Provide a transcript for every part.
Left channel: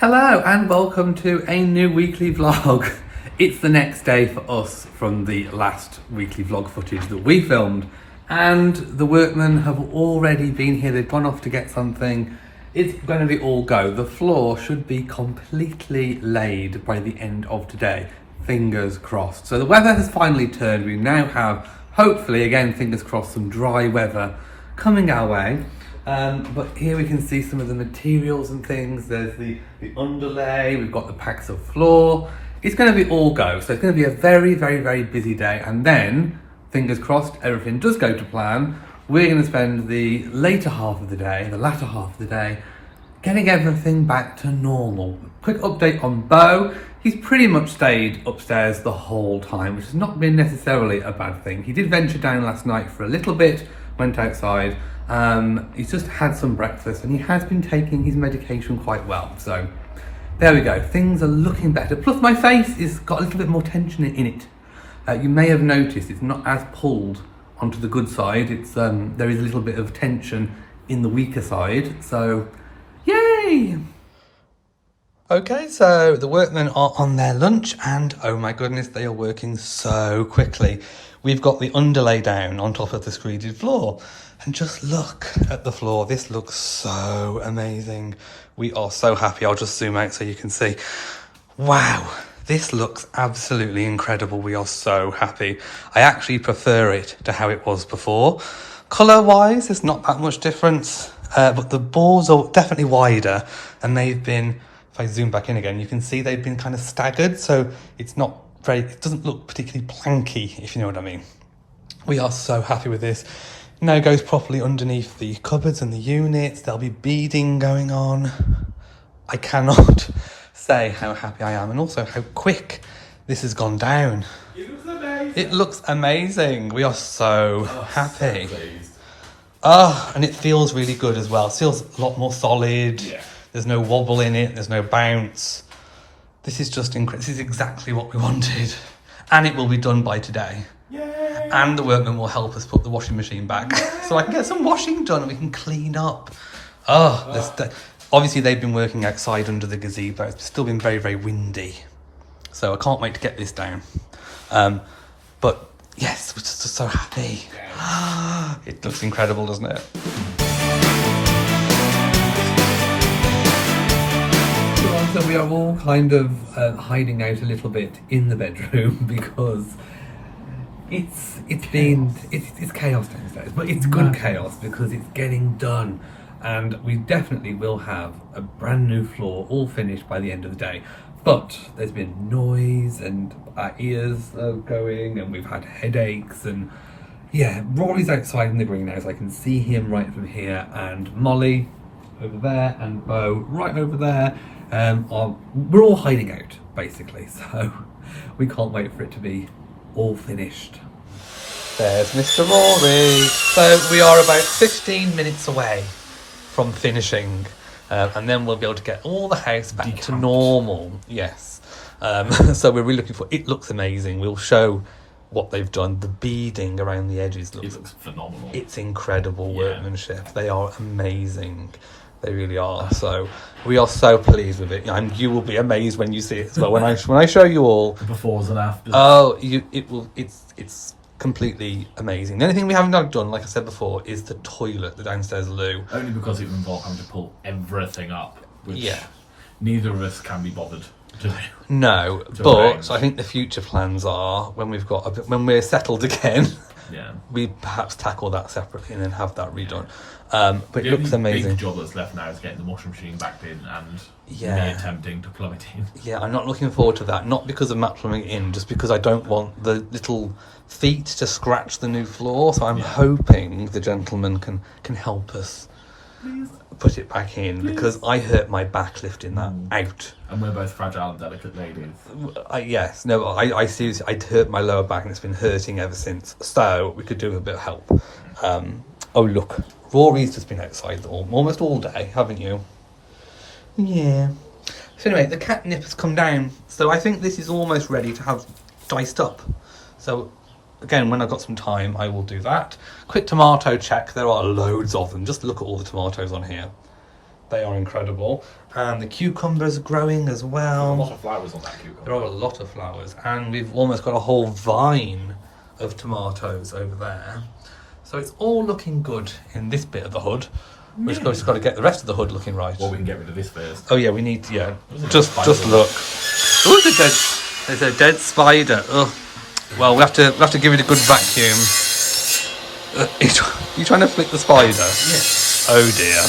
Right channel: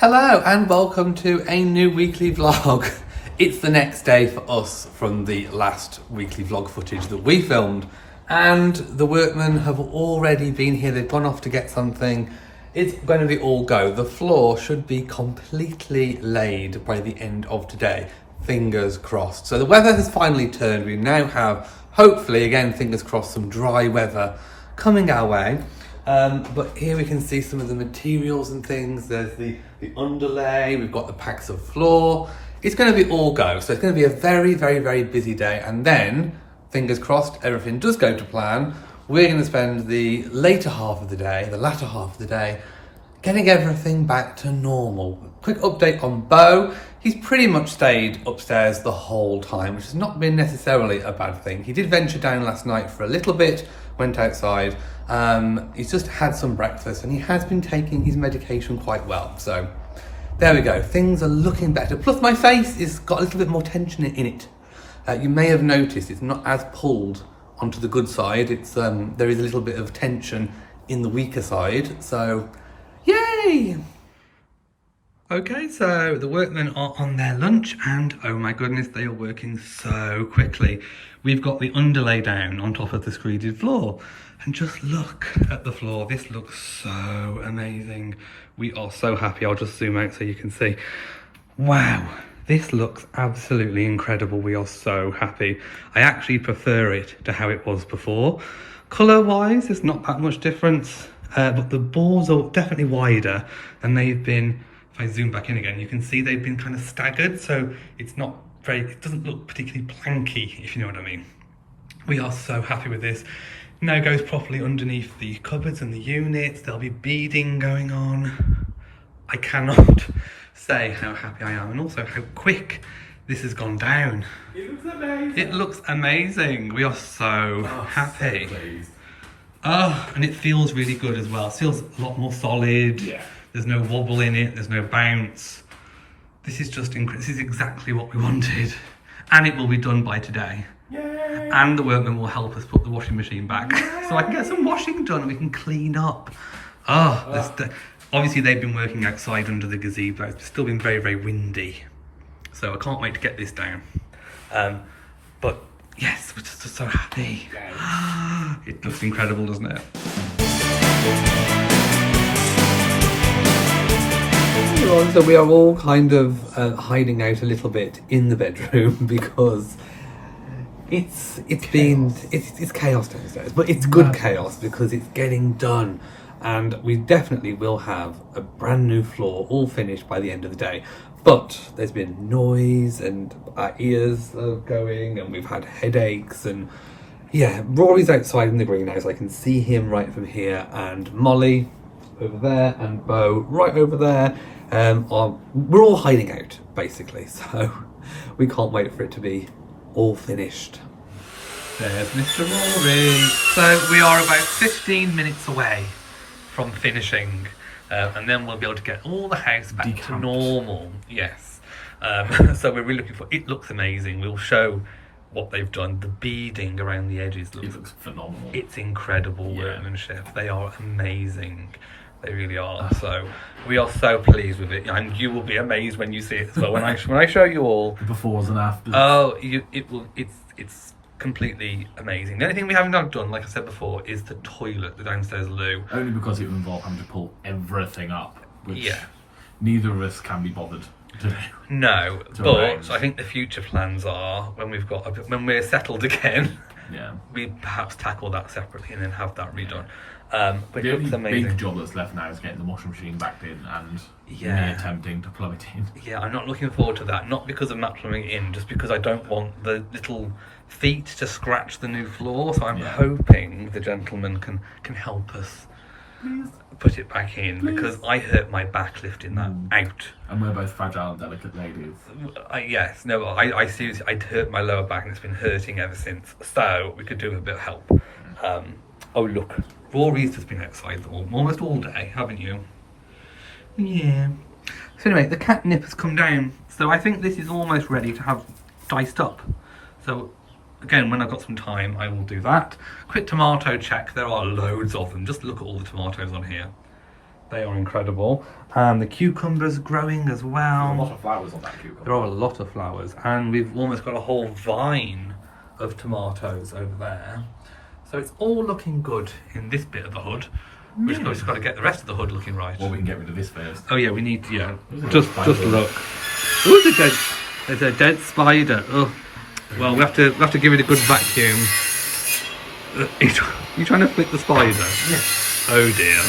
Hello and welcome to a new weekly vlog. It's the next day for us from the last weekly vlog footage that we filmed, and the workmen have already been here. They've gone off to get something. It's going to be all go. The floor should be completely laid by the end of today. Fingers crossed. So the weather has finally turned. We now have, hopefully, again, fingers crossed, some dry weather coming our way. But here we can see some of the materials and things. There's the underlay, we've got the packs of floor. It's going to be all go. So it's going to be a very, very, very busy day. And then, fingers crossed, everything does go to plan. We're going to spend the latter half of the day, getting everything back to normal. Quick update on Beau. He's pretty much stayed upstairs the whole time, which has not been necessarily a bad thing. He did venture down last night for a little bit, went outside. He's just had some breakfast and he has been taking his medication quite well. So there we go. Things are looking better. Plus my face has got a little bit more tension in it. You may have noticed it's not as pulled onto the good side. It's there is a little bit of tension in the weaker side. So yay! Okay, so the workmen are on their lunch and oh my goodness, they are working so quickly. We've got the underlay down on top of the screeded floor. And just look at the floor. This looks so amazing. We are so happy. I'll just zoom out so you can see. Wow, this looks absolutely incredible. We are so happy. I actually prefer it to how it was before. Colour-wise, there's not that much difference, but the boards are definitely wider and they've been, if I zoom back in again, you can see they've been kind of staggered. So it's not very, it doesn't look particularly planky, if you know what I mean. We are so happy with this. Now goes properly underneath the cupboards and the units. There'll be beading going on. I cannot say how happy I am and also how quick this has gone down. It looks amazing. It looks amazing. We are so happy. So pleased. And it feels really good as well. It feels a lot more solid. Yeah. There's no wobble in it. There's no bounce. This is just incredible. This is exactly what we wanted. And it will be done by today. Yay. And the workmen will help us put the washing machine back so I can get some washing done and we can clean up. Obviously they've been working outside under the gazebo. It's still been very, very windy. So I can't wait to get this down. But yes, we're just so happy. It looks incredible, doesn't it? So we are all kind of hiding out a little bit in the bedroom because it's chaos downstairs, but it's good chaos because it's getting done, and we definitely will have a brand new floor all finished by the end of the day. But there's been noise and our ears are going and we've had headaches, and yeah, Rory's outside in the greenhouse. I can see him right from here, and Molly over there and Beau right over there. We're all hiding out basically, so we can't wait for it to be all finished. There's Mr. Rory. So we are about 15 minutes away from finishing, and then we'll be able to get all the house back to normal. Yes. So we're really looking for it. Looks amazing. We'll show what they've done. The beading around the edges looks phenomenal. It's incredible workmanship. They are amazing. They really are. So we are so pleased with it, and you will be amazed when you see it as well. When I show you all The befores and afters. It's completely amazing. The only thing we haven't done, like I said before, is the toilet, the downstairs loo. Only because it would involve having to pull everything up, which neither of us can be bothered to do. No, but I think the future plans are when we're settled again. Yeah. We perhaps tackle that separately and then have that redone. But The it looks only amazing. big job that's left now is getting the washing machine back in and me attempting to plumb it in. Yeah, I'm not looking forward to that. Not because of Matt plumbing it in, just because I don't want the little feet to scratch the new floor. So I'm hoping the gentleman can help us put it back in, because I hurt my back lifting that out. And we're both fragile and delicate ladies. I seriously, I'd hurt my lower back and it's been hurting ever since. So we could do with a bit of help. Oh look, Rory's just been outside almost all day, haven't you? Yeah. So anyway, the catnip has come down. So I think this is almost ready to have diced up. So again, when I've got some time, I will do that. Quick tomato check. There are loads of them. Just look at all the tomatoes on here. They are incredible. And the cucumbers growing as well. There's a lot of flowers on that cucumber. There are a lot of flowers, and we've almost got a whole vine of tomatoes over there. So it's all looking good in this bit of the hood. We've just got to get the rest of the hood looking right. Well, we can get rid of this first. Oh yeah, we need to, yeah. Just look. Oh, there's a dead spider. Oh, well, we have to give it a good vacuum. You trying to flick the spider? Yes. Oh dear.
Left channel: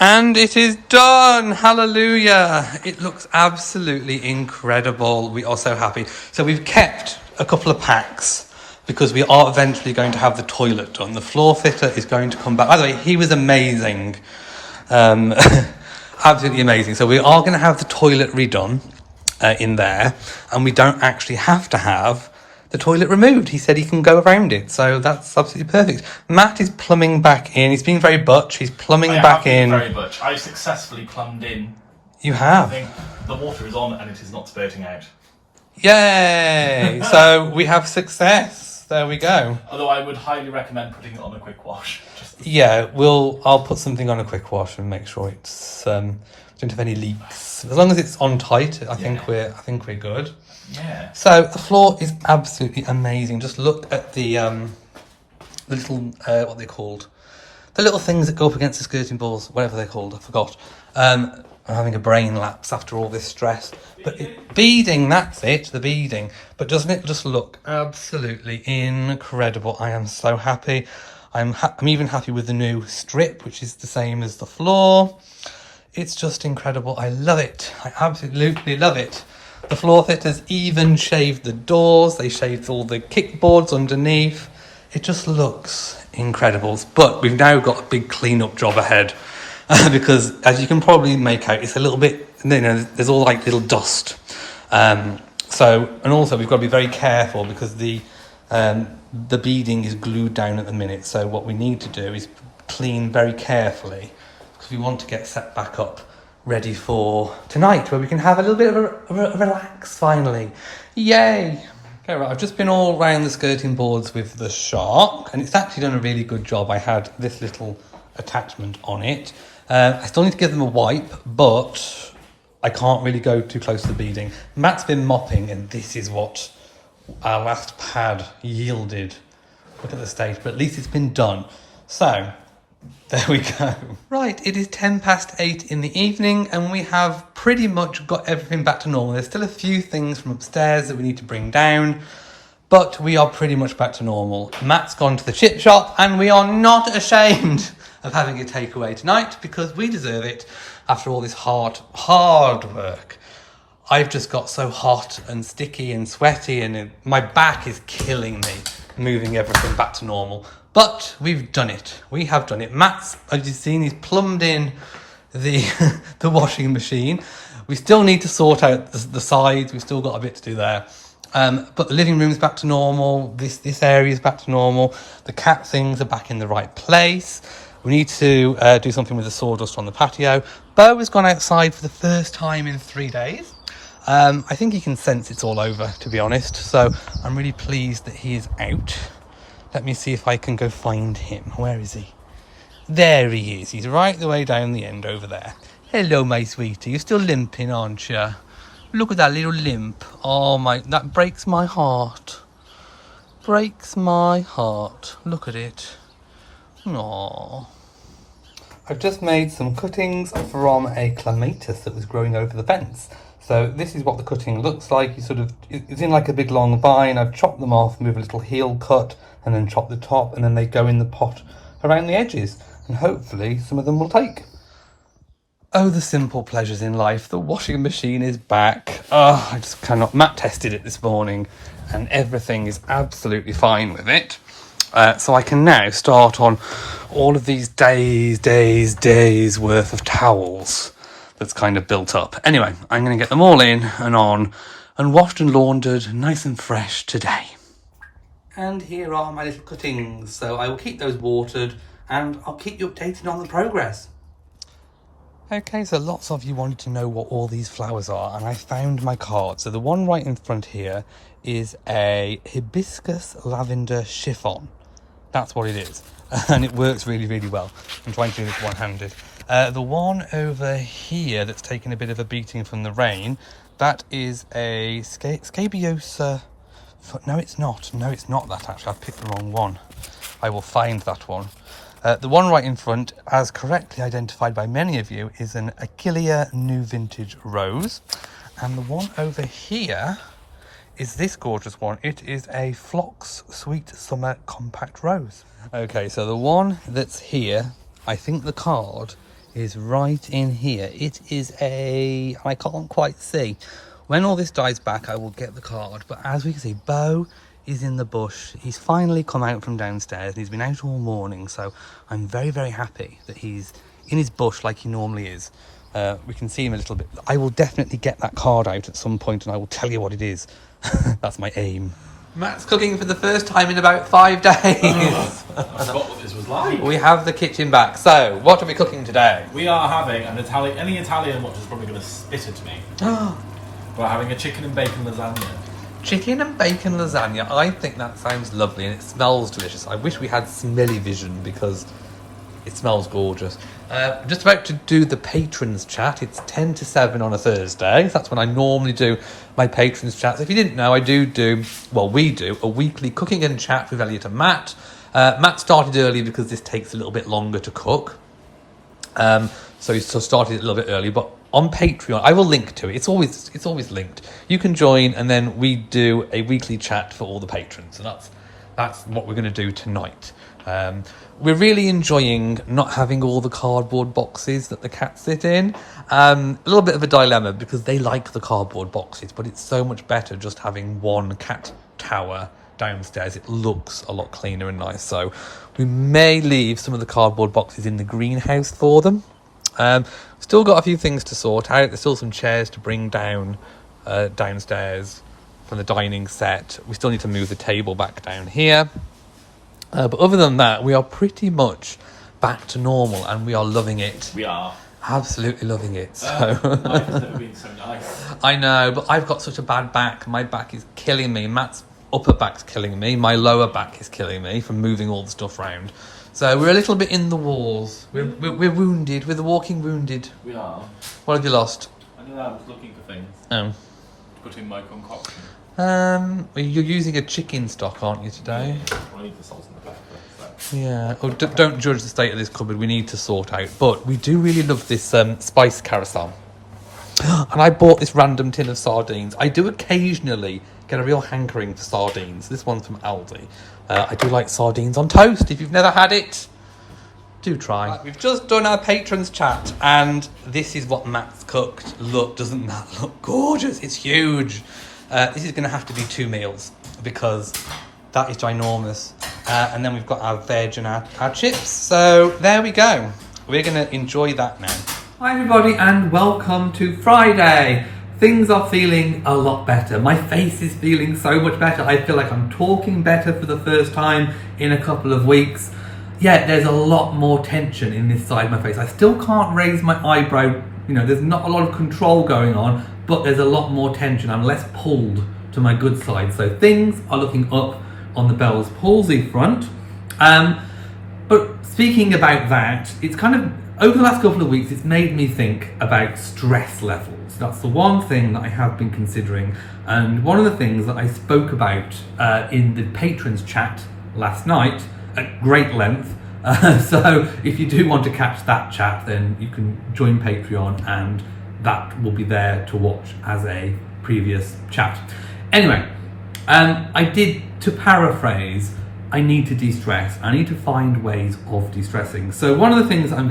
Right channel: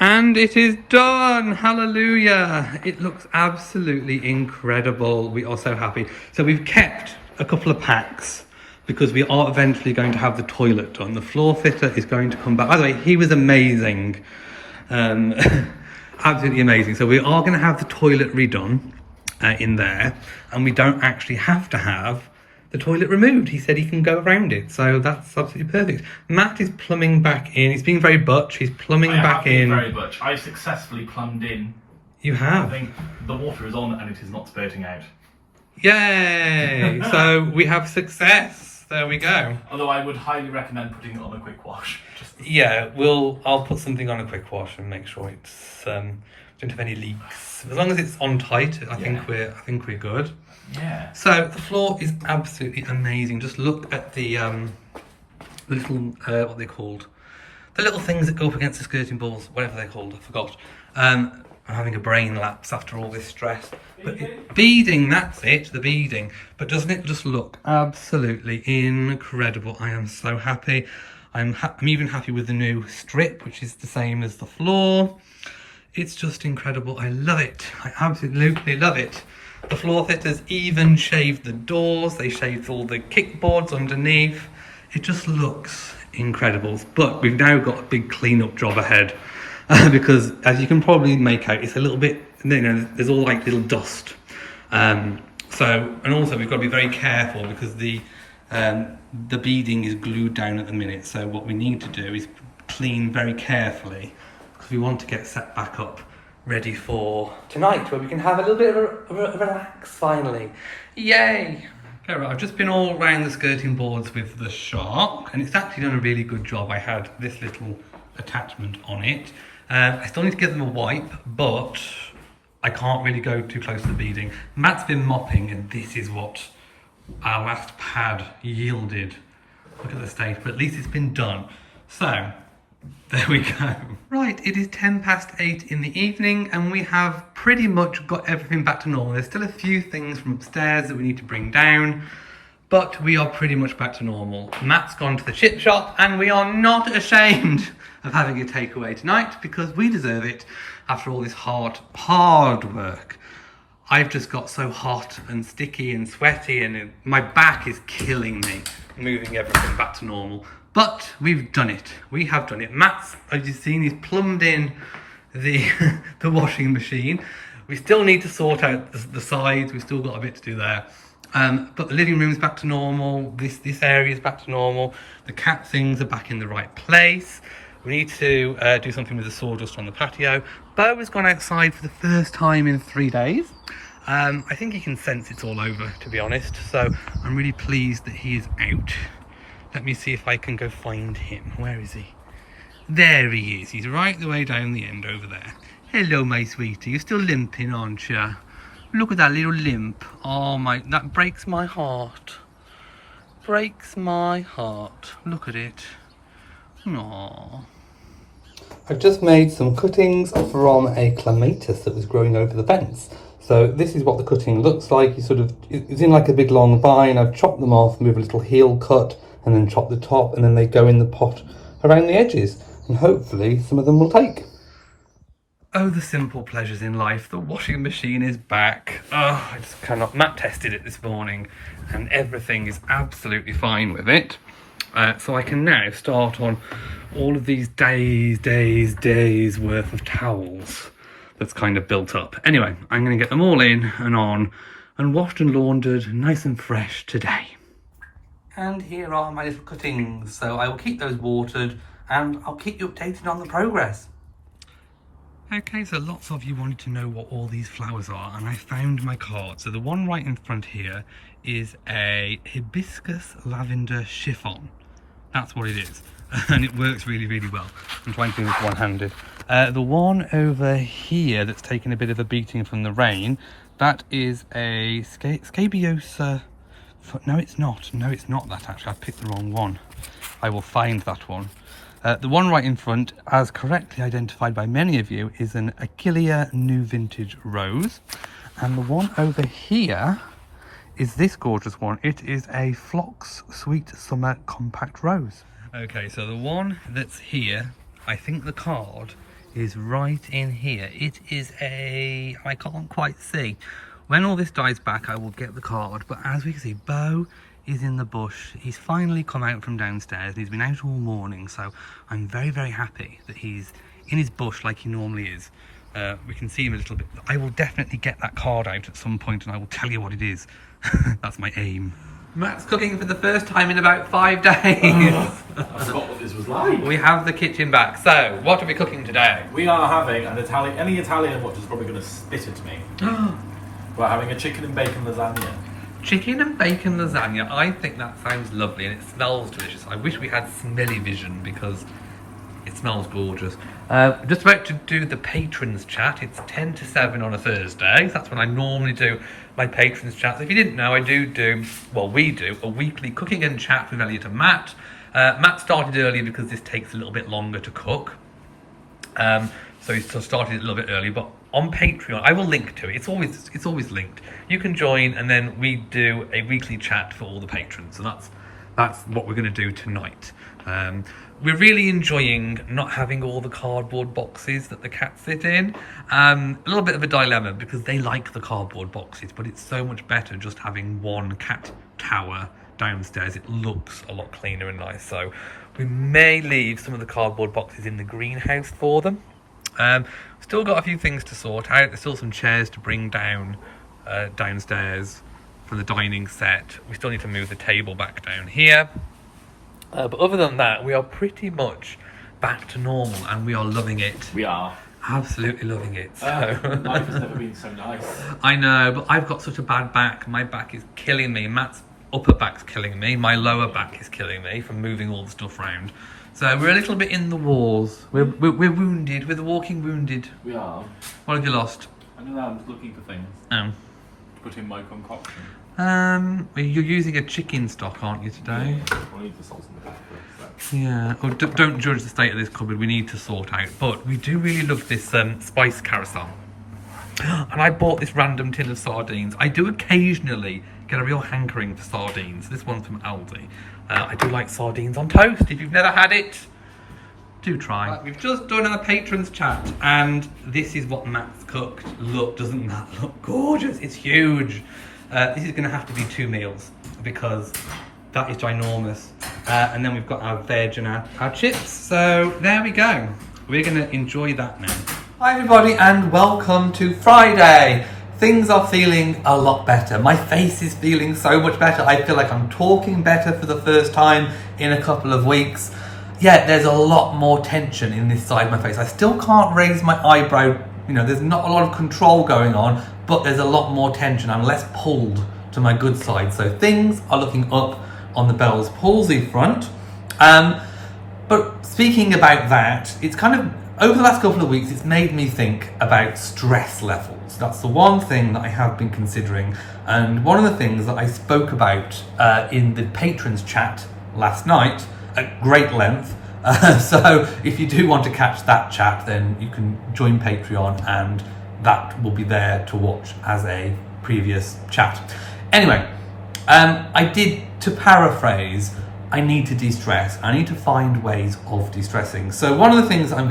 And it is done. Hallelujah. It looks absolutely incredible. We are so happy. So we've kept a couple of packs because we are eventually going to have the toilet done. The floor fitter is going to come back. By the way, he was amazing. Absolutely amazing. So we are going to have the toilet redone in there, and we don't actually have to have the toilet removed. He said he can go around it, so that's absolutely perfect. Matt is plumbing back in. He's been very butch. He's plumbing back in. Very butch. I've successfully plumbed in. You have. I think the water is on and it is not spurting out. Yay! So we have success. There we go. Although I would highly recommend putting it on a quick wash. Yeah, I'll put something on a quick wash and make sure it's don't have any leaks. As long as it's on tight, I think we're good. Yeah. So the floor is absolutely amazing. Just look at the little what they're called, the little things that go up against the skirting boards, whatever they're called. I forgot. I'm having a brain lapse after all this stress. But beading, that's it, the beading. But doesn't it just look absolutely incredible? I am so happy. I'm even happy with the new strip, which is the same as the floor. It's just incredible. I love it. I absolutely love it. The floor fitters even shaved the doors. They shaved all the kickboards underneath. It just looks incredible. But we've now got a big clean-up job ahead because, as you can probably make out, it's a little bit, there's all like little dust. And also we've got to be very careful because the beading is glued down at the minute. So what we need to do is clean very carefully because we want to get set back up ready for tonight, where we can have a little bit of a relax finally. Yay! Okay, right, I've just been all around the skirting boards with the shark, and it's actually done a really good job. I had this little attachment on it. I still need to give them a wipe, but I can't really go too close to the beading. Matt's been mopping, and this is what our last pad yielded. Look at the state, but at least it's been done. So, there we go. Right, it is 8:10 in the evening and we have pretty much got everything back to normal. There's still a few things from upstairs that we need to bring down, but we are pretty much back to normal. Matt's gone to the chip shop and we are not ashamed of having a takeaway tonight because we deserve it after all this hard work. I've just got so hot and sticky and sweaty and my back is killing me moving everything back to normal. But we've done it. We have done it. Matt's, as you've seen, he's plumbed in the the washing machine. We still need to sort out the sides. We've still got a bit to do there. But the living room is back to normal. This area is back to normal. The cat things are back in the right place. We need to do something with the sawdust on the patio. Bo has gone outside for the first time in 3 days. I think he can sense it's all over, to be honest. So I'm really pleased that he is out. Let me see if I can go find him. Where is he? There he is. He's right the way down the end over there. Hello, my sweetie. You're still limping, aren't you? Look at that little limp. Oh, my, that breaks my heart. Breaks my heart. Look at it. Aww. I've just made some cuttings from a clematis that was growing over the fence. So this is what the cutting looks like. It's in like a big long vine. I've chopped them off, move a little heel cut, and then chop the top, and then they go in the pot around the edges, and hopefully some of them will take. Oh, the simple pleasures in life. The washing machine is back. Oh, I just cannot. Matt tested it this morning, and everything is absolutely fine with it. So I can now start on all of these days worth of towels that's kind of built up. Anyway, I'm going to get them all in and on, and washed and laundered nice and fresh today. And here are my little cuttings. So I will keep those watered and I'll keep you updated on the progress. Okay, so lots of you wanted to know what all these flowers are, and I found my card. So the one right in front here is a hibiscus lavender chiffon. That's what it is. and it works really, really well. I'm trying to do this one-handed. The one over here that's taken a bit of a beating from the rain, that is a scabiosa. No, it's not. No, it's not that, actually. I picked the wrong one. I will find that one. The one right in front, as correctly identified by many of you, is an Achillea New Vintage Rose. And the one over here is this gorgeous one. It is a Phlox Sweet Summer Compact Rose. Okay, so the one that's here, I think the card is right in here. It is I can't quite see. When all this dies back, I will get the card. But as we can see, Bo is in the bush. He's finally come out from downstairs and he's been out all morning. So I'm very, very happy that he's in his bush like he normally is. We can see him a little bit. I will definitely get that card out at some point and I will tell you what it is. That's my aim. Matt's cooking for the first time in about 5 days. I forgot what this was like. We have the kitchen back. So, what are we cooking today? We are having an Italian. Any Italian watcher is probably going to spit at me. We're having a chicken and bacon lasagna. Chicken and bacon lasagna. I think that sounds lovely and it smells delicious. I wish we had smelly vision because it smells gorgeous. Just about to do the patrons chat. It's 10 to 7 on a Thursday. That's when I normally do my patrons chat. So if you didn't know, we do a weekly cooking and chat with Elliot and Matt. Matt started early because this takes a little bit longer to cook. So he started a little bit early, but on Patreon, I will link to it. It's always linked. You can join and then we do a weekly chat for all the patrons. And that's what we're going to do tonight. We're really enjoying not having all the cardboard boxes that the cats sit in. A little bit of a dilemma because they like the cardboard boxes, but it's so much better just having one cat tower downstairs. It looks a lot cleaner and nice. So we may leave some of the cardboard boxes in the greenhouse for them. Still got a few things to sort out. There's still some chairs to bring down downstairs from the dining set. We still need to move the table back down here. But other than that, we are pretty much back to normal and we are loving it. We are. Absolutely loving it. So. Life has never been so nice. I know, but I've got such a bad back. My back is killing me. Matt's upper back's killing me. My lower back is killing me from moving all the stuff around. So we're a little bit in the walls. We're wounded. We're the walking wounded. We are. What have you lost? I don't know, I'm just looking for things to put in my concoction. You're using a chicken stock, aren't you, today? Yeah, I need the salt and the pepper. So. Yeah. Oh, don't judge the state of this cupboard. We need to sort out. But we do really love this spice carousel. And I bought this random tin of sardines. I do occasionally get a real hankering for sardines. This one's from Aldi. I do like sardines on toast. If you've never had it, do try. Right, we've just done our patrons chat, and this is what Matt's cooked. Look, doesn't that look gorgeous? It's huge. This is going to have to be 2 meals because that is ginormous. And then we've got our veg and our chips. So there we go. We're going to enjoy that now. Hi everybody and welcome to Friday. Things are feeling a lot better. My face is feeling so much better. I feel like I'm talking better for the first time in a couple of weeks. Yeah, there's a lot more tension in this side of my face. I still can't raise my eyebrow. You know, there's not a lot of control going on, but there's a lot more tension. I'm less pulled to my good side. So things are looking up on the Bell's palsy front. But speaking about that, it's kind of, over the last couple of weeks, it's made me think about stress levels. That's the one thing that I have been considering. And one of the things that I spoke about in the patrons chat last night at great length. So if you do want to catch that chat, then you can join Patreon and that will be there to watch as a previous chat. Anyway, to paraphrase, I need to de-stress. I need to find ways of de-stressing. So one of the things I've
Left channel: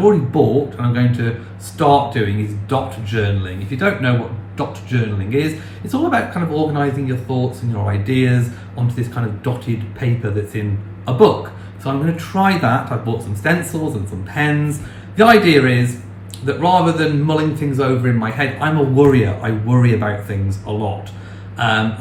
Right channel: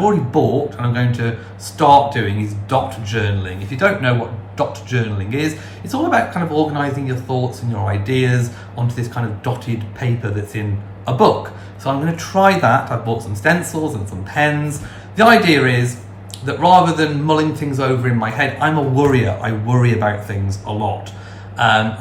already bought and I'm going to start doing is dot journaling. If you don't know what dot journaling is, it's all about kind of organizing your thoughts and your ideas onto this kind of dotted paper that's in a book. So I'm going to try that. I've bought some stencils and some pens. The idea is that rather than mulling things over in my head, I'm a worrier. I worry about things a lot. And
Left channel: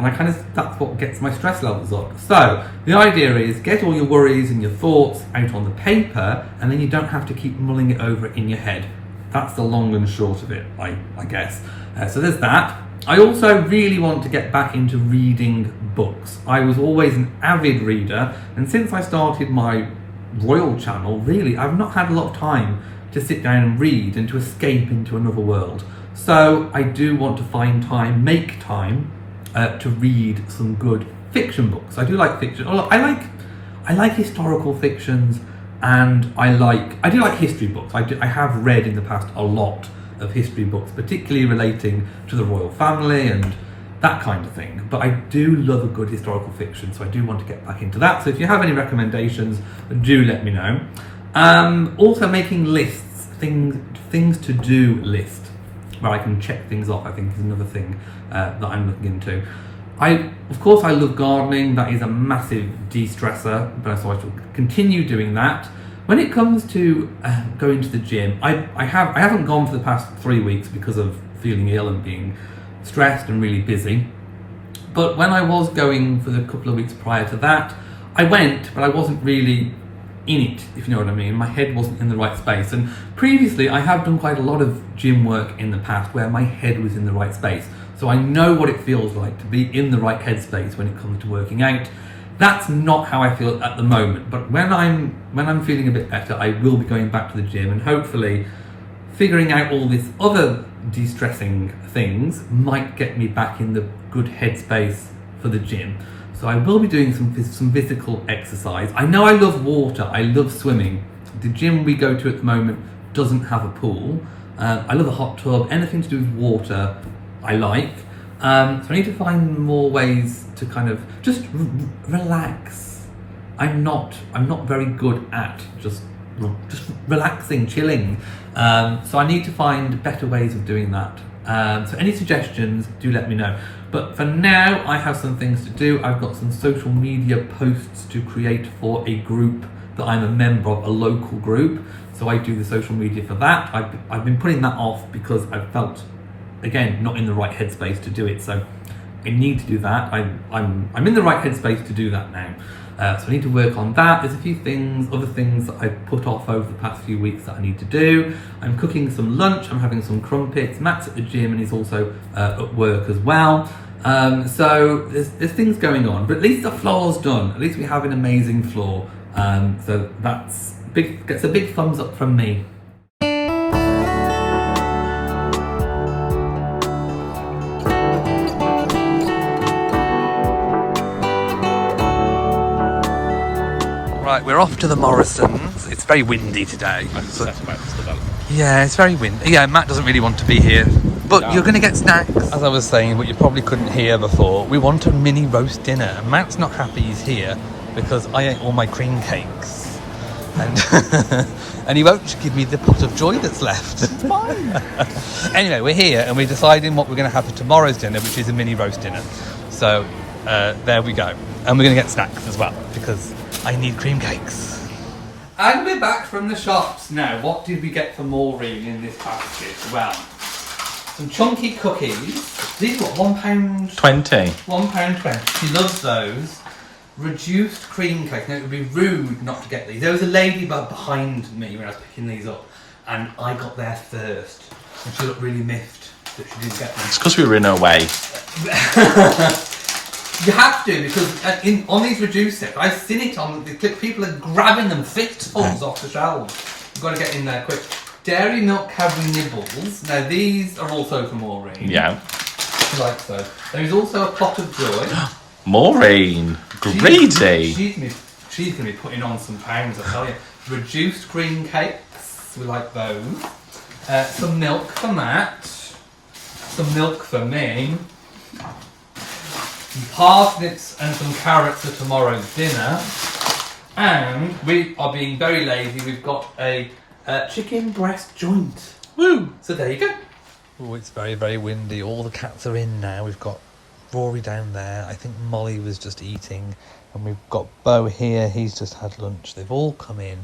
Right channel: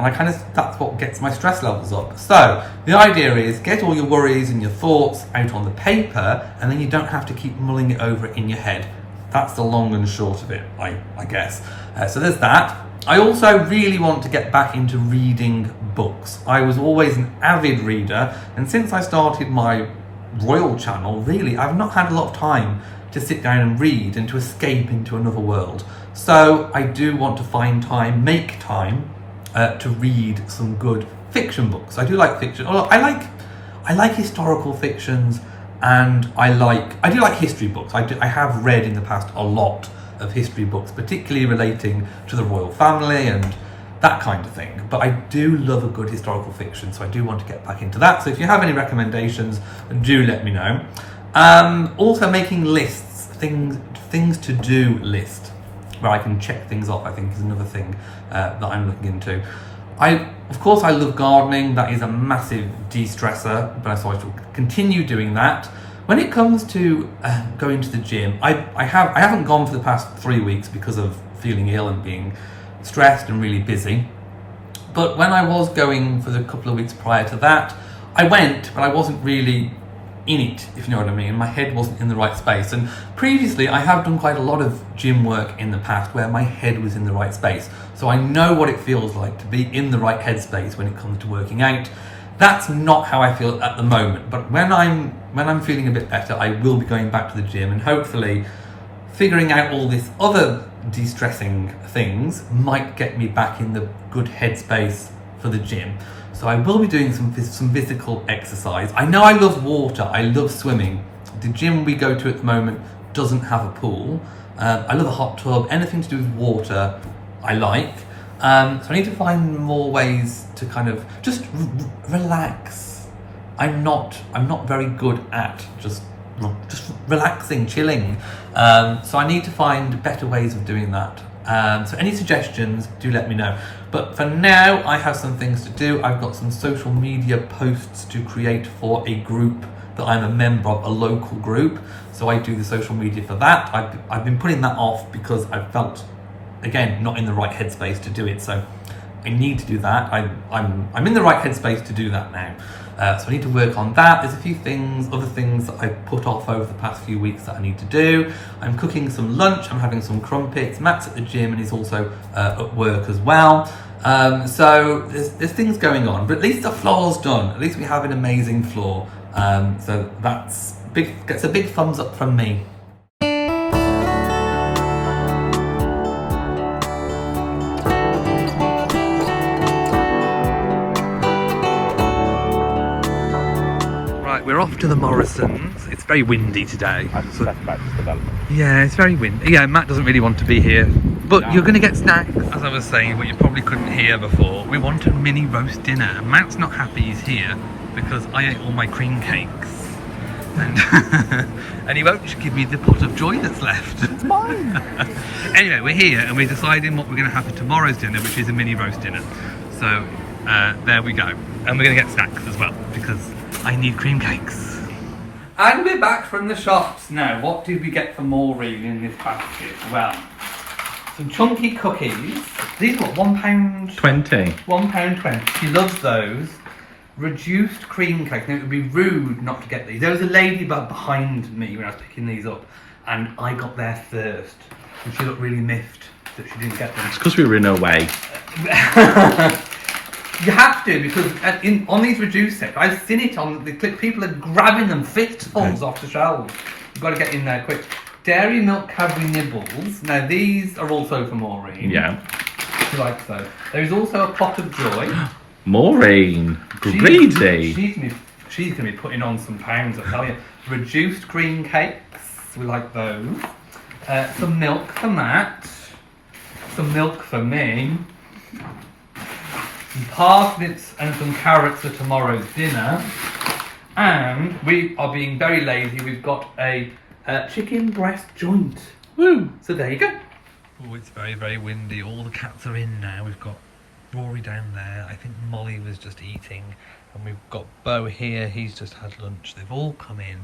that's what gets my stress levels up. So the idea is get all your worries and your thoughts out on the paper, and then you don't have to keep mulling it over in your head. That's the long and short of it, I guess. So there's that. I also really want to get back into reading books. I was always an avid reader, and since I started my Royal Channel, really, I've not had a lot of time to sit down and read and to escape into another world. So I do want to find time, make time to read some good fiction books. I do like fiction. I like historical fictions, and I do like history books. I have read in the past a lot of history books, particularly relating to the royal family and that kind of thing. But I do love a good historical fiction, so I do want to get back into that. So if you have any recommendations, do let me know. Also making lists, things to do list, where I can check things off, I think is another thing that I'm looking into. Of course, I love gardening. That is a massive de-stressor, but so I shall continue doing that. When it comes to going to the gym, I haven't gone for the past 3 weeks because of feeling ill and being stressed and really busy. But when I was going for the couple of weeks prior to that, I went, but I wasn't really in it, if you know what I mean. My head wasn't in the right space. And previously, I have done quite a lot of gym work in the past where my head was in the right space. So I know what it feels like to be in the right headspace when it comes to working out. That's not how I feel at the moment. But when I'm feeling a bit better, I will be going back to the gym, and hopefully figuring out all this other de-stressing things might get me back in the good headspace for the gym. So I will be doing some physical exercise. I know I love water. I love swimming. The gym we go to at the moment doesn't have a pool. I love a hot tub. Anything to do with water, I like. So I need to find more ways to kind of just relax. I'm not very good at just relaxing, chilling. So I need to find better ways of doing that. So any suggestions, do let me know. But for now, I have some things to do. I've got some social media posts to create for a group that I'm a member of, a local group. So I do the social media for that. I've been putting that off because I felt, again, not in the right headspace to do it. So I need to do that. I'm in the right headspace to do that now. So I need to work on that. There's a few other things that I've put off over the past few weeks that I need to do. I'm cooking some lunch. I'm having some crumpets. Matt's at the gym and he's also at work as well. So there's things going on, but at least the floor's done. At least we have an amazing floor. So gets a big thumbs up from me. Right, we're off to the Morrisons. It's very windy today. Yeah, it's very windy. Yeah, Matt doesn't really want to be here. But you're going to get snacks. As I was saying, what you probably couldn't hear before, we want a mini roast dinner. And Matt's not happy he's here because I ate all my cream cakes. And and he won't give me the pot of joy that's left. It's mine. Anyway, we're here and we're deciding what we're going to have for tomorrow's dinner, which is a mini roast dinner. So there we go. And we're going to get snacks as well because I need cream cakes. And we're back from the shops now. What did we get for Maureen in this basket? Well, some chunky cookies. These are what, £1.20? £1.20. She loves those. Reduced cream cake. Now, it would be rude not to get these. There was a lady behind me when I was picking these up, and I got there first. And she looked really miffed that she didn't get them. It's because we were in her way. You have to, because on these reduced sets, I've seen it on the clip. People are grabbing them fistfuls off the shelves. You've got to get in there quick. Dairy milk Cadbury nibbles. Now these are also for Maureen. Yeah. Like so. There is also a pot of joy. Maureen, greedy. She's going to be putting on some pounds, I tell you. Reduced cream cakes. We like those. Some milk for Matt. Some milk for me. Some parsnips and some carrots for tomorrow's dinner. And we are being very lazy. We've got a chicken breast joint. Woo! So there you go. Oh, it's very, very windy. All the cats are in now. We've got Rory down there. I think Molly was just eating. And we've got Bo here. He's just had lunch. They've all come in.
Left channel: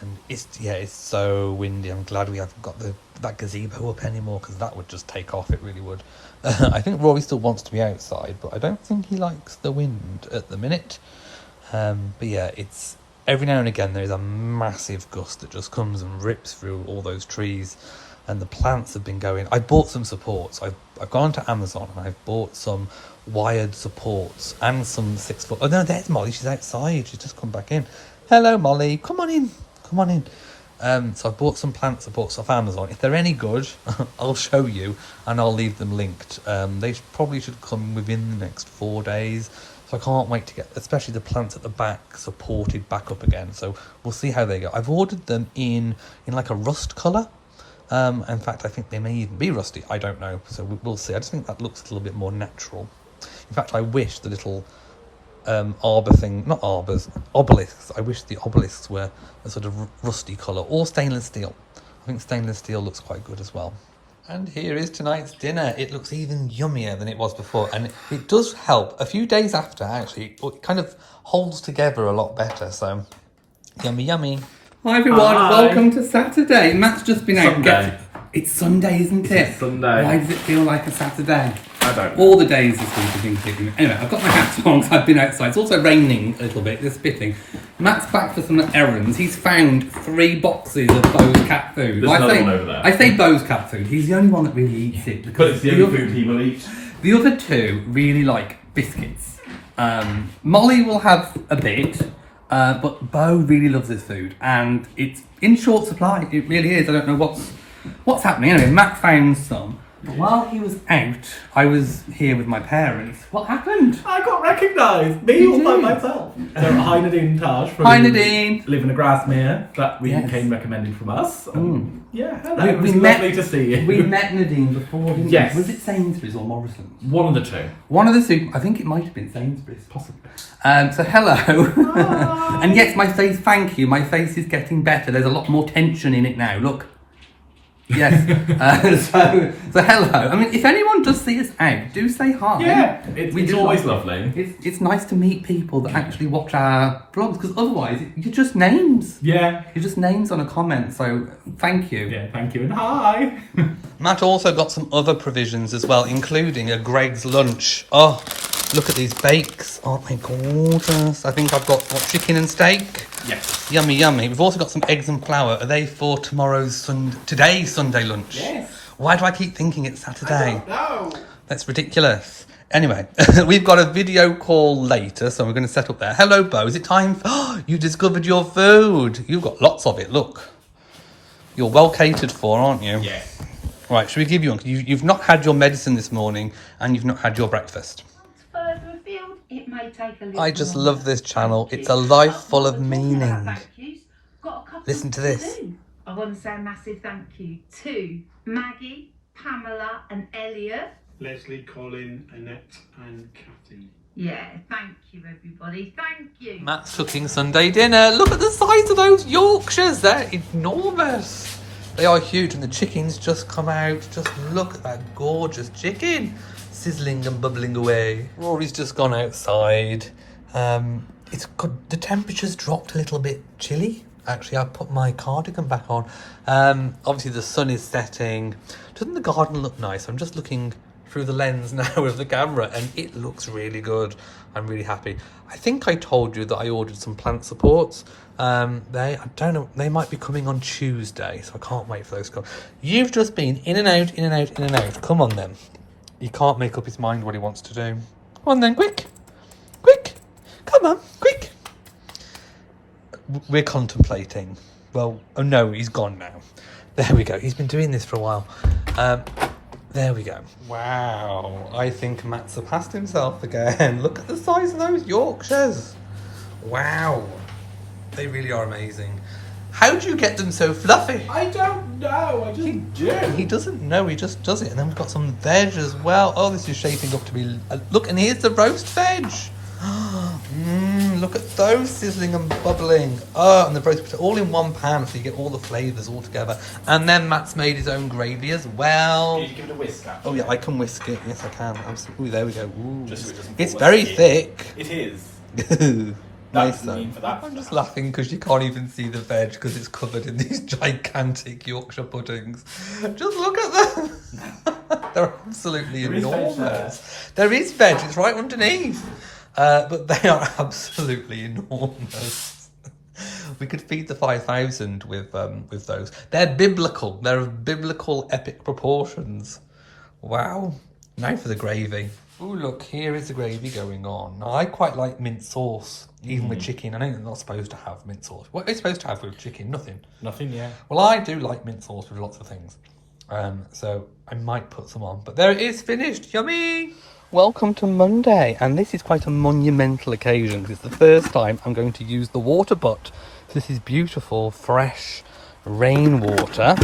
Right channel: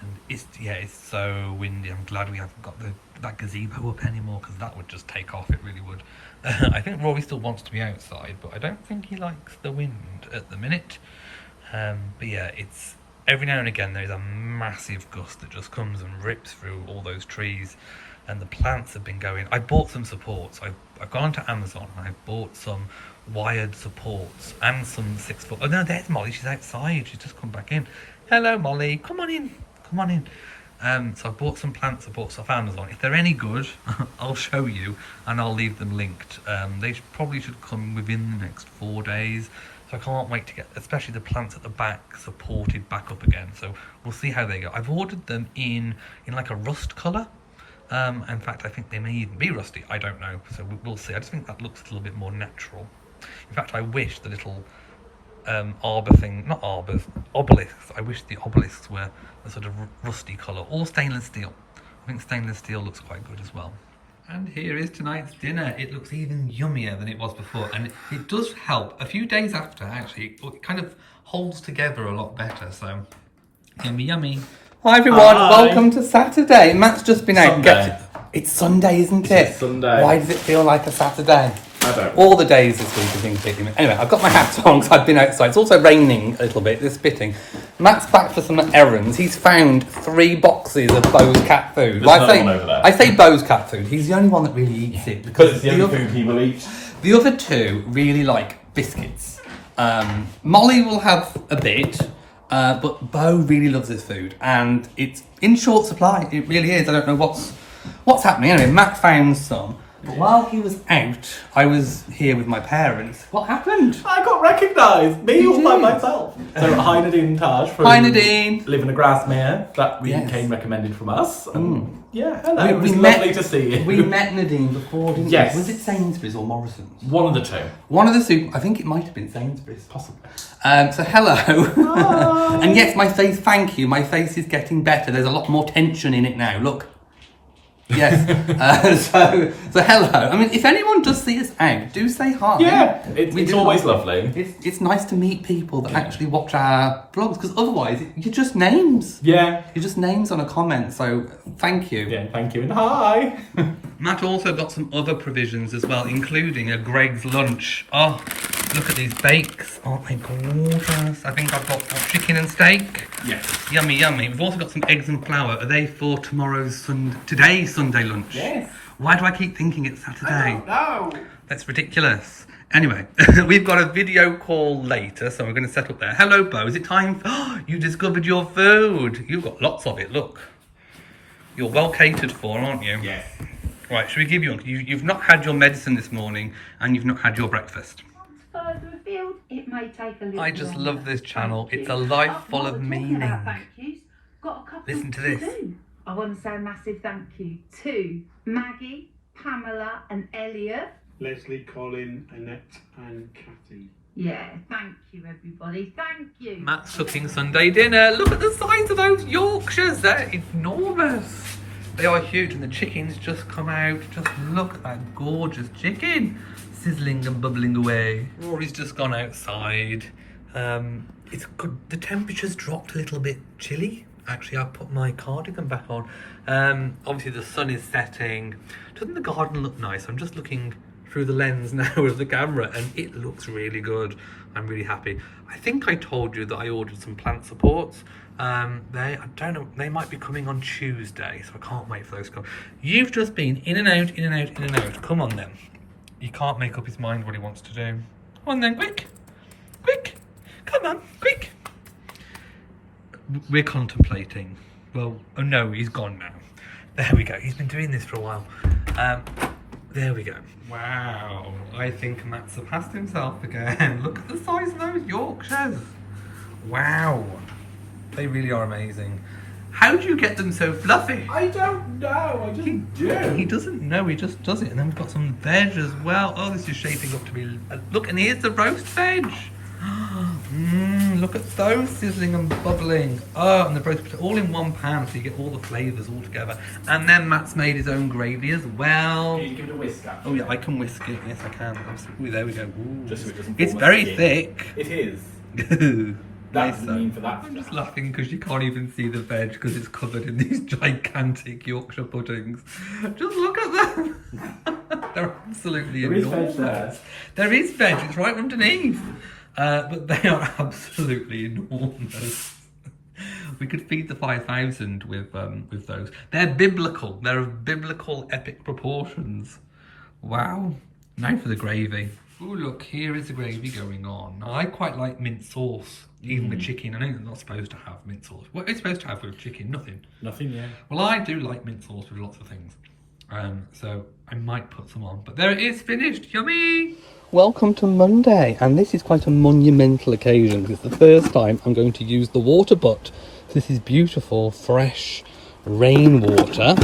And it's so windy. I'm glad we haven't got that gazebo up anymore because that would just take off. It really would. I think Rory still wants to be outside, but I don't think he likes the wind at the minute. But yeah, it's every now and again there is a massive gust that just comes and rips through all those trees, and the plants have been going. I bought some supports. I've gone to Amazon and I've bought some wired supports and some 6 foot. Oh no, there's Molly. She's outside. She's just come back in. Hello, Molly. Come on in. Come on in. So I bought some plants. I bought some off Amazon. If they're any good, I'll show you and I'll leave them linked. They probably should come within the next 4 days. So I can't wait to get, especially the plants at the back, supported back up again. So we'll see how they go. I've ordered them in like a rust colour. In fact, I think they may even be rusty. I don't know. So we'll see. I just think that looks a little bit more natural. In fact, I wish the little arbor thing, not arbors, obelisks. I wish the obelisks were a sort of rusty colour, or stainless steel. I think stainless steel looks quite good as well. And here is tonight's dinner. It looks even yummier than it was before, and it does help. A few days after, actually, it kind of holds together a lot better, so yummy, yummy. Hi everyone, welcome to Saturday. Matt's just been out. Sunday. It's Sunday, isn't it? It's Sunday. Why does it feel like a Saturday? I don't know. All the days this week have been spitting. Anyway, I've got my hat on because I've been outside. It's also raining a little bit, it's spitting. Matt's back for some errands. He's found 3 boxes of Bo's cat food. There's another one over there. I say Bo's cat food. He's the only one that really eats it. Because it's the only food he will eat. The other 2 really like biscuits. Molly will have a bit, but Bo really loves this food. And it's in short supply. It really is. I don't know what's happening. Anyway, Matt found some. But while he was out, I was here with my parents. What happened? I got recognised. Me all by myself. So hi Nadine Taj from Hi Nadine. Live in a Grassmere. That we Yes. came recommended from us. Yeah, hello. It We was met. lovely to see you. We met Nadine before, didn't Yes. we? Was it Sainsbury's or Morrison's? One of the 2. One of the super. I think it might have been Sainsbury's. Possibly. So hello. And yes, my face. Thank you. My face is getting better. There's a lot more tension in it now. Look. Yes. So hello. I mean, if anyone does see us out, do say hi. Yeah, it's do always like it. lovely. It's nice to meet people that actually watch our vlogs, because otherwise you're just names. Yeah. You're just names on a comment. So thank you. Yeah, thank you and hi. Matt also got some other provisions as well, including a Greg's lunch. Oh, look at these bakes. Aren't they gorgeous? I think I've got chicken and steak. Yes. Yummy, yummy. We've also got some eggs and flour. Are they for today's Sunday lunch? Yes. Why do I keep thinking it's Saturday? No. That's ridiculous. Anyway, we've got a video call later, so we're going to set up there. Hello, Bo. Is it time? You discovered your food. You've got lots of it. Look. You're well catered for, aren't you? Yes. Right, should we give you one? You've not had your medicine this morning, and you've not had your breakfast. Further afield, it may take a little I just longer. love this channel. Thank It's you. a life full While of we're talking meaning. about thank yous, got a couple Listen to this. do. I want to say a massive thank you to Maggie, Pamela and Elliot. Leslie, Colin, Annette and Kathy. Yeah, thank you everybody, thank you. Matt's cooking Sunday dinner. Look at the size of those Yorkshires. They're enormous. They are huge, and the chicken's just come out. Just look at that gorgeous chicken. Sizzling and bubbling away. Rory's just gone outside. It's good. The temperature's dropped a little bit chilly. Actually, I put my cardigan back on. Obviously, the sun is setting. Doesn't the garden look nice? I'm just looking through the lens now of the camera, and it looks really good. I'm really happy. I think I told you that I ordered some plant supports. I don't know, they might be coming on Tuesday, so I can't wait for those to come. You've just been in and out, in and out, in and out. Come on then. He can't make up his mind what he wants to do. Come on then, quick. Quick. Come on, quick. We're contemplating. Well, oh no, he's gone now. There we go. He's been doing this for a while. There we go. Wow. I think Matt surpassed himself again. Look at the size of those Yorkshires. Wow. They really are amazing. How do you get them so fluffy? I don't know. I just do. He doesn't know, he just does it. And then we've got some veg as well. Oh, this is shaping up to be... look, and here's the roast veg. Look at those sizzling and bubbling. Oh, and the roast potato all in one pan, so you get all the flavours all together. And then Matt's made his own gravy as well. Can you give it a whisk out? Oh yeah, I can whisk it. Yes, I can. Absolutely. Ooh, there we go. Ooh. Just so it doesn't It's fall very asleep. thick. It is. Nice doesn't though. mean for that. I'm just laughing because you can't even see the veg because it's covered in these gigantic Yorkshire puddings. Just look at them. They're absolutely There is veg enormous. There is veg. It's right underneath. But they are absolutely enormous. We could feed the 5,000 with those. They're biblical. They're of biblical epic proportions. Wow. Now for the gravy. Oh look, here is the gravy going on. Now, I quite like mint sauce, even with chicken. I know you're not supposed to have mint sauce. What are you supposed to have with chicken? Nothing. Nothing, yeah. Well, I do like mint sauce with lots of things. So I might put some on. But there it is, finished. Yummy! Welcome to Monday. And this is quite a monumental occasion because it's the first time I'm going to use the water butt. This is beautiful, fresh rainwater.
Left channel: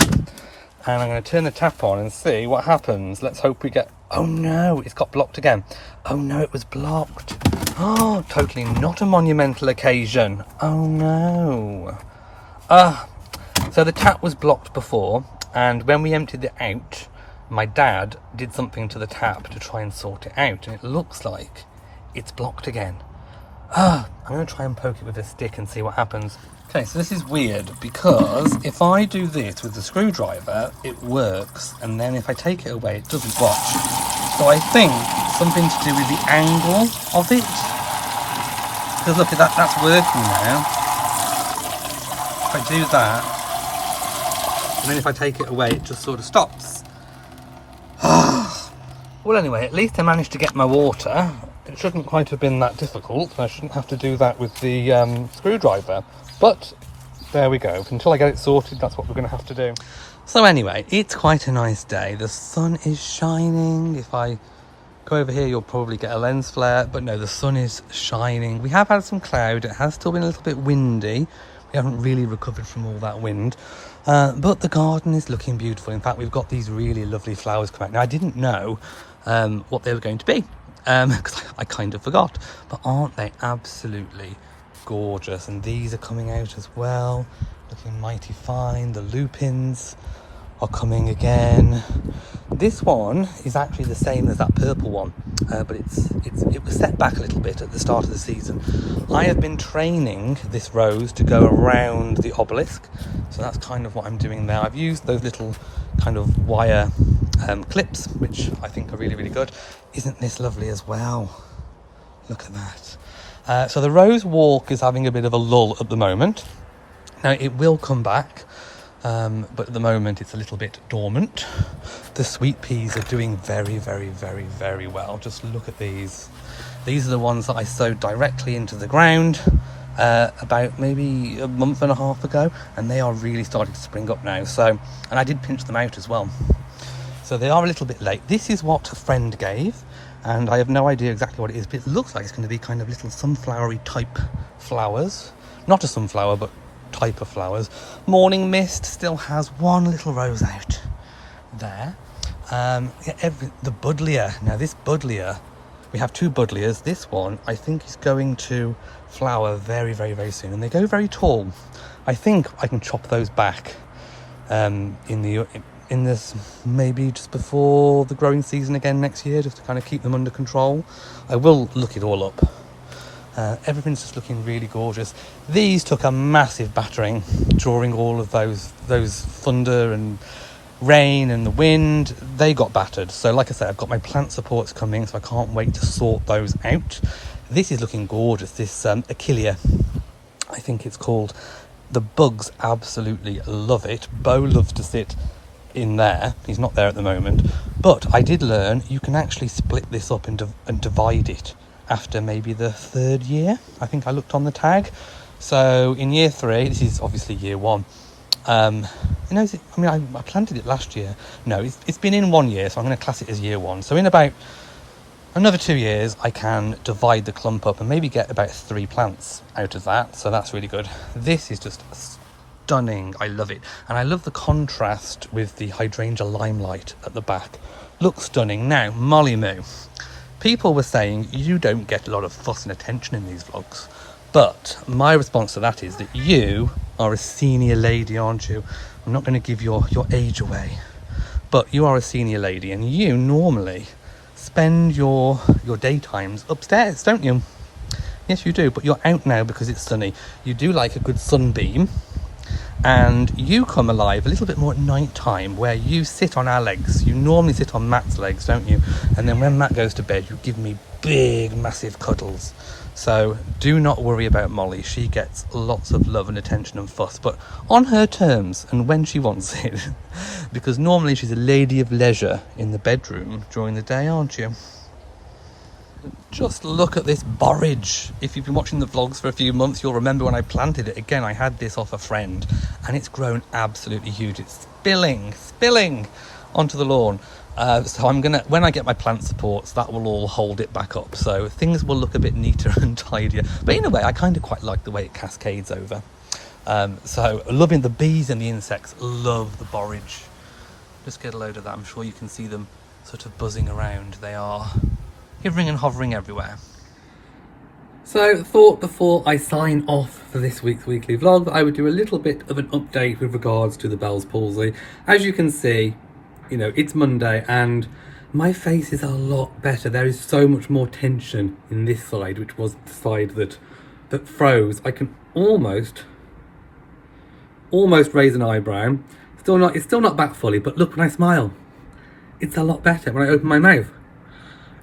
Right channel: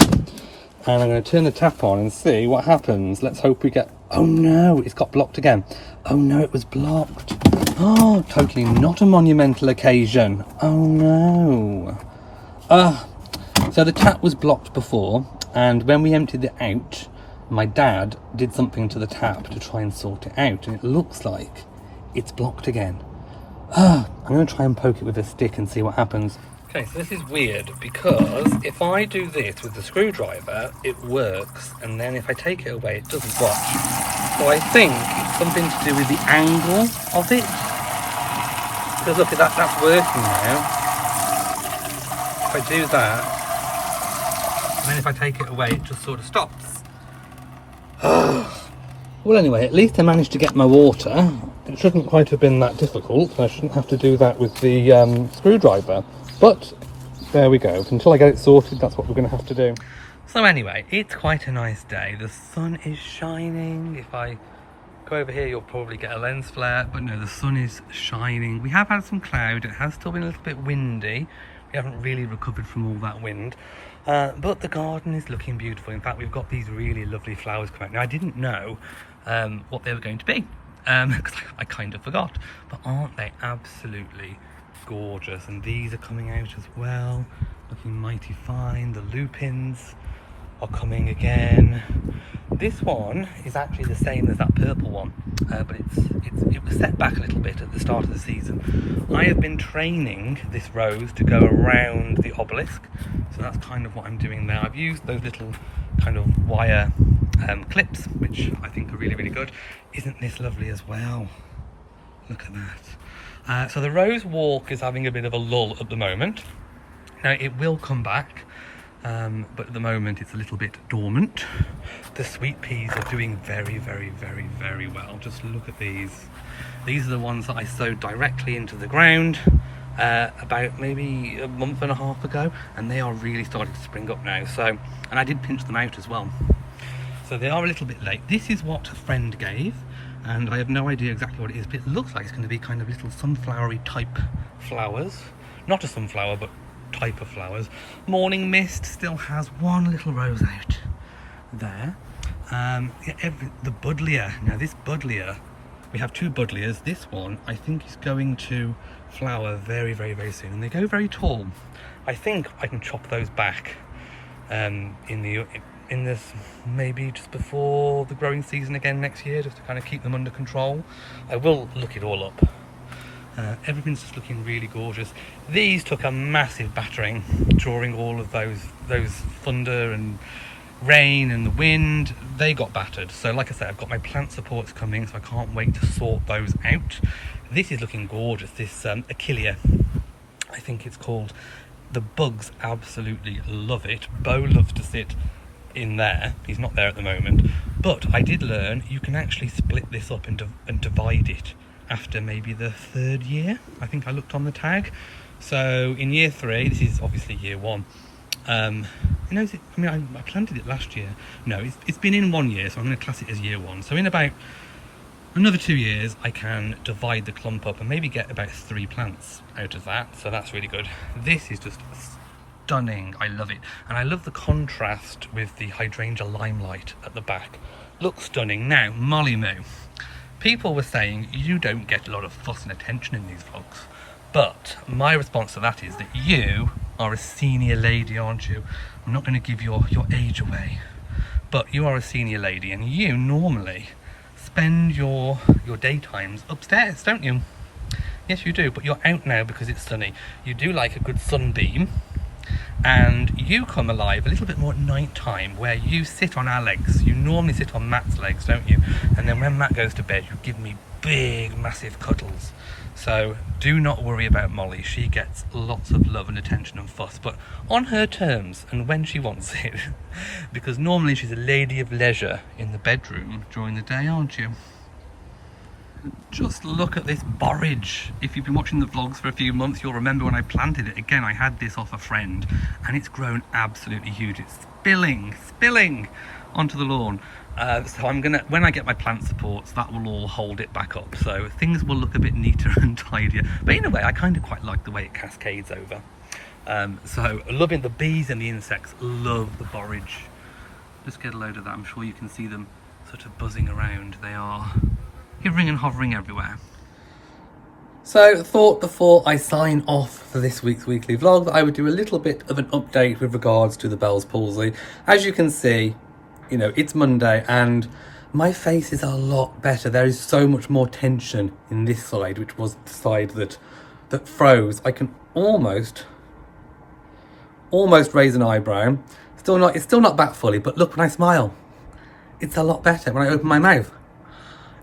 And I'm going to turn the tap on and see what happens. Let's hope we get... Oh no, it's got blocked again. Oh no, it was blocked. Oh, totally not a monumental occasion. Oh no. So the tap was blocked before, and when we emptied it out, my dad did something to the tap to try and sort it out, and it looks like it's blocked again. I'm going to try and poke it with a stick and see what happens. Okay, so this is weird because if I do this with the screwdriver, it works, and then if I take it away, it doesn't work. So I think it's something to do with the angle of it. Because look at that, that's working now. If I do that, and then if I take it away, it just sort of stops. Well, anyway, at least I managed to get my water. It shouldn't quite have been that difficult. I shouldn't have to do that with the screwdriver. But there we go. Until I get it sorted, that's what we're going to have to do. So anyway, it's quite a nice day. The sun is shining. If I go over here, you'll probably get a lens flare. But no, the sun is shining. We have had some cloud. It has still been a little bit windy. We haven't really recovered from all that wind. But the garden is looking beautiful. In fact, we've got these really lovely flowers coming out. Now, I didn't know what they were going to be because I kind of forgot. But aren't they absolutely gorgeous? And these are coming out as well, looking mighty fine. The lupins are coming again. This one is actually the same as that purple one, but it was set back a little bit at the start of the season. I have been training this rose to go around the obelisk, so that's kind of what I'm doing now. I've used those little kind of wire clips, which I think are really, really good. Isn't this lovely as well? Look at that. So the rose walk is having a bit of a lull at the moment. Now it will come back, but at the moment it's a little bit dormant. The sweet peas are doing very, very, very, very well. Just look at these. These are the ones that I sowed directly into the ground about maybe a month and a half ago, and they are really starting to spring up now. So, and I did pinch them out as well. So they are a little bit late. This is what a friend gave, and I have no idea exactly what it is, but it looks like it's going to be kind of little sunflowery type flowers. Not a sunflower, but type of flowers. Morning Mist still has one little rose out there. The buddleia. Now this buddleia, we have two buddleias. This one I think is going to flower very, very, very soon, and they go very tall. I think I can chop those back in this maybe just before the growing season again next year, just to kind of keep them under control. I will look it all up. Everything's just looking really gorgeous. These took a massive battering during all of those thunder and rain and the wind. They got battered. So like I said, I've got my plant supports coming, so I can't wait to sort those out. This is looking gorgeous. This Achillea, I think it's called. The bugs absolutely love it. Bo loves to sit in there. He's not there at the moment, but I did learn you can actually split this up and divide it after maybe the third year. I think I looked on the tag. So in year 3, this is obviously year 1. I planted it last year. No, it's been in 1 year, so I'm going to class it as year 1. So in about another 2 years, I can divide the clump up and maybe get about 3 plants out of that. So that's really good. This is just stunning. I love it. And I love the contrast with the hydrangea limelight at the back. Looks stunning. Now, Molly Moo. People were saying you don't get a lot of fuss and attention in these vlogs. But my response to that is that you are a senior lady, aren't you? I'm not going to give your age away. But you are a senior lady, and you normally spend your daytimes upstairs, don't you? Yes, you do, but you're out now because it's sunny. You do like a good sunbeam, and you come alive a little bit more at night time, where you sit on our legs. You normally sit on Matt's legs, don't you? And then when Matt goes to bed, you give me big, massive cuddles. So do not worry about Molly. She gets lots of love and attention and fuss, but on her terms and when she wants it. Because normally she's a lady of leisure in the bedroom during the day, aren't you? Just look at this borage. If you've been watching the vlogs for a few months, you'll remember when I planted it. Again, I had this off a friend and it's grown absolutely huge. It's spilling onto the lawn. So I'm gonna, when I get my plant supports, that will all hold it back up. So things will look a bit neater and tidier. But in a way, I kind of quite like the way it cascades over. So loving the bees and the insects, love the borage. Just get a load of that. I'm sure you can see them sort of buzzing around. They are hovering and hovering everywhere. So thought before I sign off for this week's weekly vlog that I would do a little bit of an update with regards to the Bell's palsy. As you can see, you know, it's Monday and my face is a lot better. There is so much more tension in this side, which was the side that froze. I can almost raise an eyebrow. It's still not back fully, but look, when I smile, it's a lot better. When I open my mouth,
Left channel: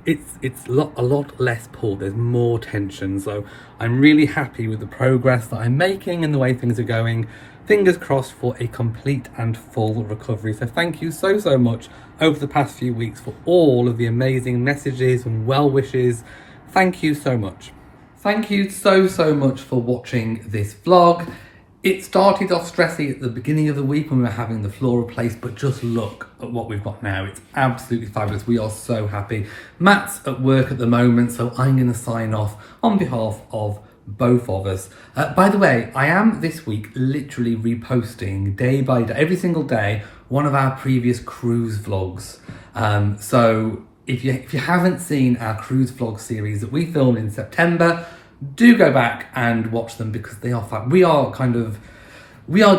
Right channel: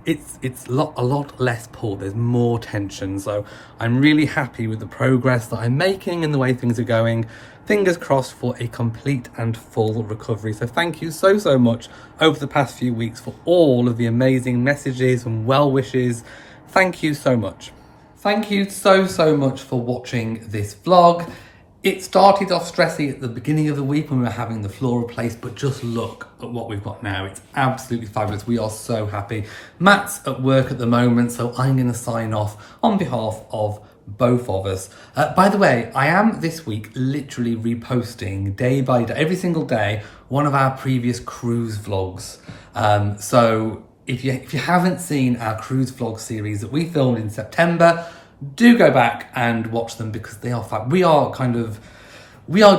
it's a lot less pull. There's more tension. So I'm really happy with the progress that I'm making and the way things are going. Fingers crossed for a complete and full recovery. So thank you so much over the past few weeks for all of the amazing messages and well wishes. Thank you so much. Thank you so much for watching this vlog. It started off stressy at the beginning of the week when we were having the floor replaced, but just look at what we've got now. It's absolutely fabulous. We are so happy. Matt's at work at the moment, so I'm going to sign off on behalf of both of us. By the way, I am this week literally reposting day by day, every single day, one of our previous cruise vlogs. So if you haven't seen our cruise vlog series that we filmed in September, do go back and watch them because they are fun. We are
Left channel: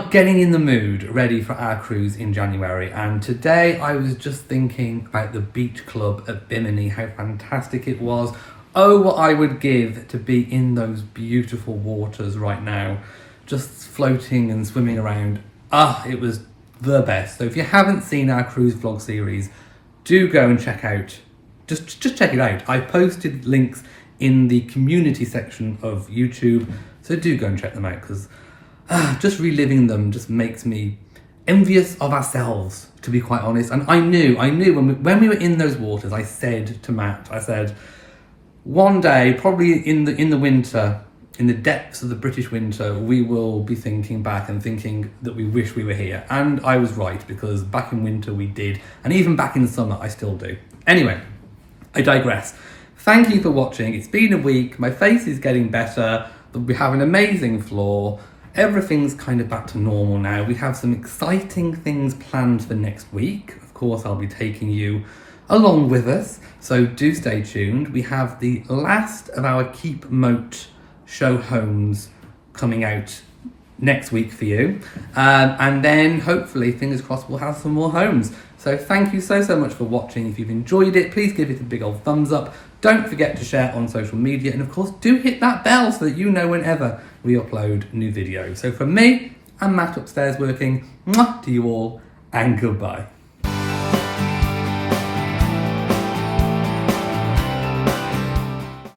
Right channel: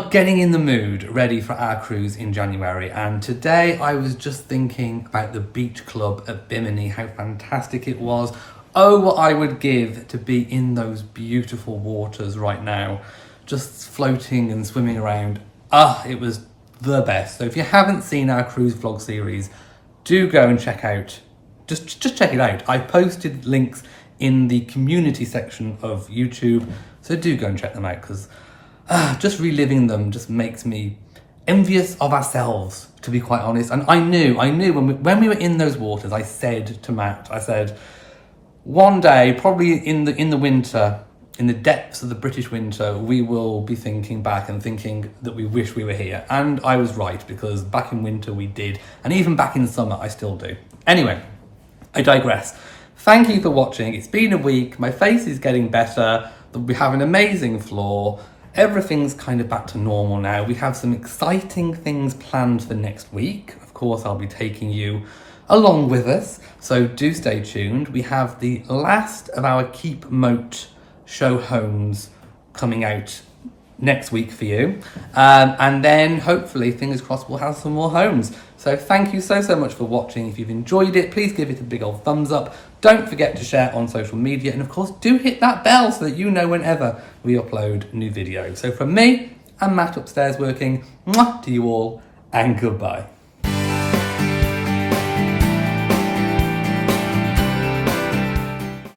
getting in the mood ready for our cruise in January. And today I was just thinking about the beach club at Bimini, how fantastic it was. Oh, what I would give to be in those beautiful waters right now, just floating and swimming around. It was the best. So if you haven't seen our cruise vlog series, do go and check out, just check it out. I posted links in the community section of YouTube, so do go and check them out because just reliving them just makes me envious of ourselves, to be quite honest. And I knew when we were in those waters, I said to Matt, I said, one day, probably in the winter, in the depths of the British winter, we will be thinking back and thinking that we wish we were here. And I was right, because back in winter we did, and even back in summer I still do. Anyway, I digress. Thank you for watching. It's been a week. My face is getting better. We have an amazing floor. Everything's kind of back to normal now. We have some exciting things planned for next week. Of course, I'll be taking you along with us, so do stay tuned. We have the last of our Keep Moat show homes coming out next week for you. And then hopefully, fingers crossed, we'll have some more homes. So thank you so much for watching. If you've enjoyed it, please give it a big old thumbs up. Don't forget to share on social media. And of course, do hit that bell so that you know whenever we upload new videos. So from me and Matt upstairs working, mwah, to you all, and goodbye.